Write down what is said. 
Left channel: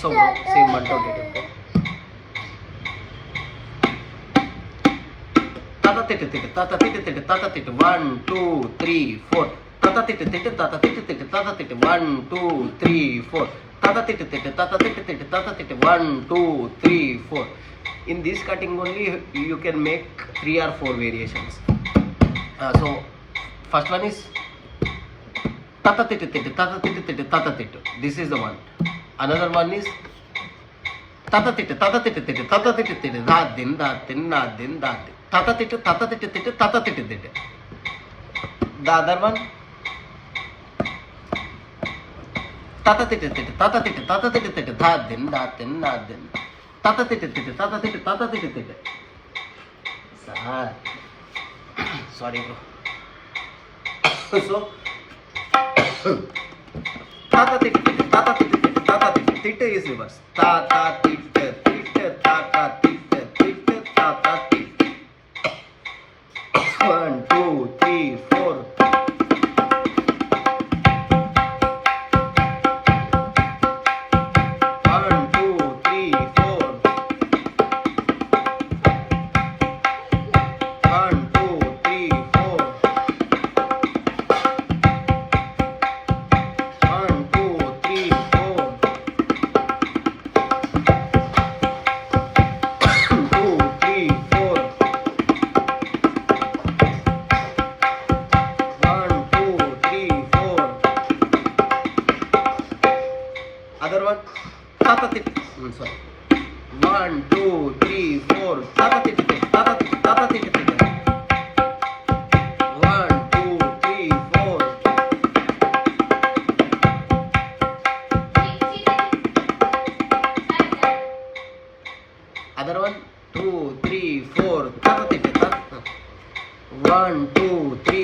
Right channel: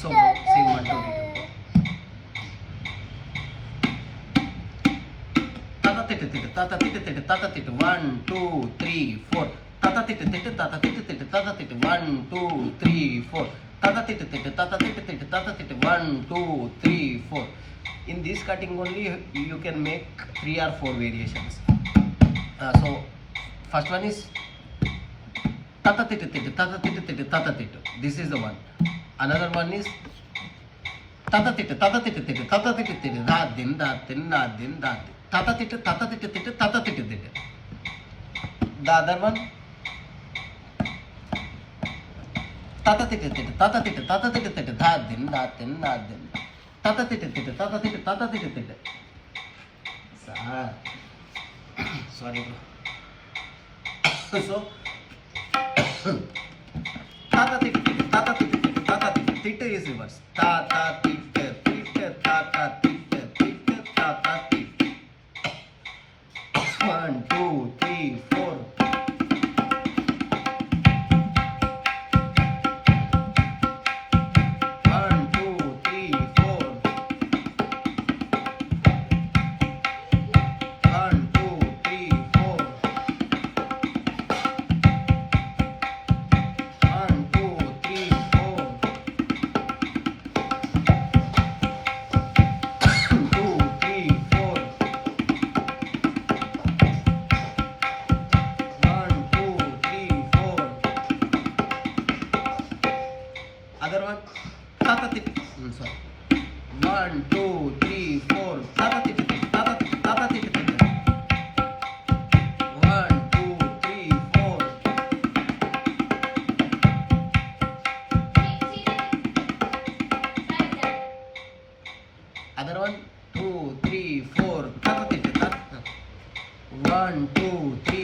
So same 1 2 3 tata tete tete tata tete tete tata tete 1 2 3 4 tata tete tete tata tete tete tata tete 1 2 3 4 tata tete tete tata tete tete tata tete 1 2 3 4. In this cutting only you can make 3 or 4 variations. So first one is tata tete tete tata tete tete tata tete. This is the one. Another one is tata tete tata tete tete tata tete tete da din da din na din da din. Tata tete tata tete tete tata tete tete. The other one tata tete tete tata tete tata tete tete da din da din na din. Tata tete tete tata tete tata tete tete. Sorry bro. So tata tete tete tata tete tete tata tete tete is reverse. Tata tete tete tata tete tete tata tete. 1 2 3 4. 1 2 3 4. 1 2 3 4. 1 2 3 4. 2 3 4. 1 2 3 4. Other one tata tete. Sorry. 1 2 3 4. Tata tete tete tata tete tata tete tete. 1 2 3 4. Other one 2 3 4. Tata tete tata. 1 2 3